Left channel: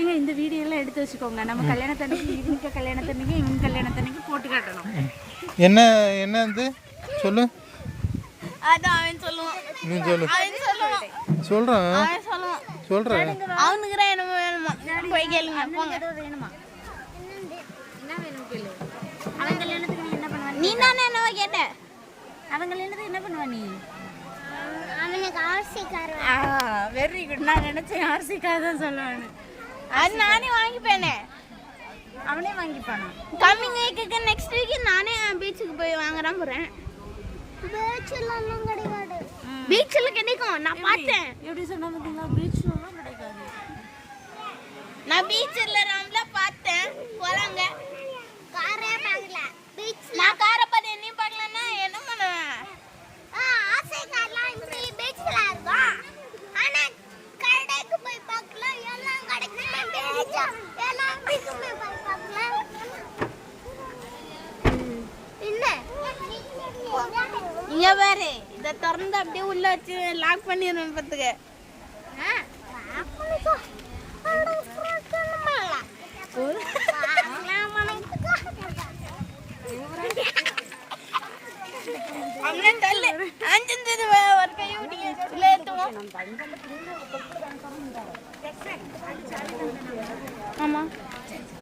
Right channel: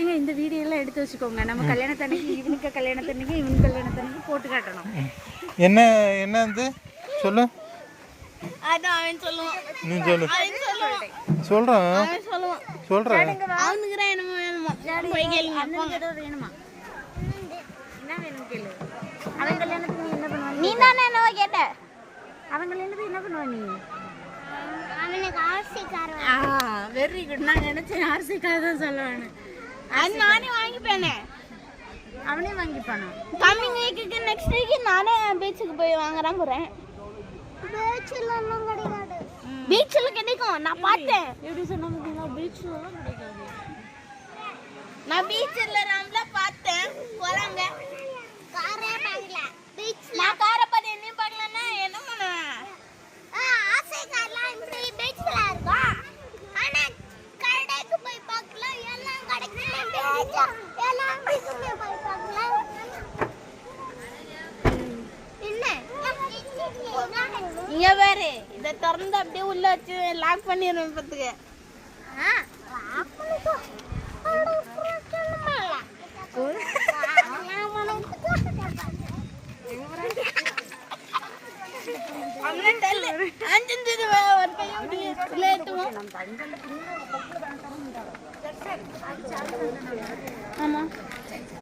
ஏங்க இந்த வீடியோ எல்லாம் எடுத்து வச்சுக்கோங்க. நம்ம கல்யாணத்தன்னைக்கு இவனுக்கு கல்யாணத்தன்னைக்கு இவங்க கல்யாணத்தன்னைக்கு போட்டு காட்டணும். என்ன என்ன இது சொல்லு. அதான் அவன் சொல்லுவான். நீ சொல்லு. சொல்றேன் அவனுக்கு எனக்கு வேணுமா போய் கேளுங்க. ஏதோ வேணுமா? என்ன வேணும் கேளு. அவன் கல்யாணத்துக்கு நீ என்ன பண்ணுவ? நீ தானே என்னவோ கேட்ட. அவன் கல்யாணத்துக்கு என்ன பண்ணுவ நீ? அவனுக்கு ஆர்சி கார். Very good. நான் நினைச்சேன் ஆர்சி கார் தான் சொல்லுவேன்னு. அது நானே வாங்கிப்பேனே. அவனே வாங்கிப்பானா? கம்மிங் வீக்குக்கு நெக்ஸ்ட் வீக் நானே பீச்சுக்கு போய் வாங்குறான் போறேன். பீச்ல எல்லாம் கிடைக்காது. பீச்ல கிடைக்கும். நான் பார்த்தேன். எப்படி சொன்னாங்க? பீச்ல கிடைக்காது. நான் பீச்ல ரவுண்ட்ல பார்த்தேன். போறாங்க. காரே பார்க்கல. பீச்ல நான் காரை பார்த்து என்ன பார்க்கலன்னா என்ன பண்ணுவேன்? ஆசை கார்லாம் இப்படி பீச்ல இருக்கும். ஆனா கடைக்கு போய் பார்க்கல. எல்லாம் கடைக்குமே பீச். எல்லாம் பீச்சுமே போய் பார்க்கல. என்ன? இங்க பாரு. இத திறந்து அப்படியே உள்ள வச்சு லாக் பண்ணிடுறேன் பாத்துக்க. லாக் பண்ணிக்கோ. ஆமா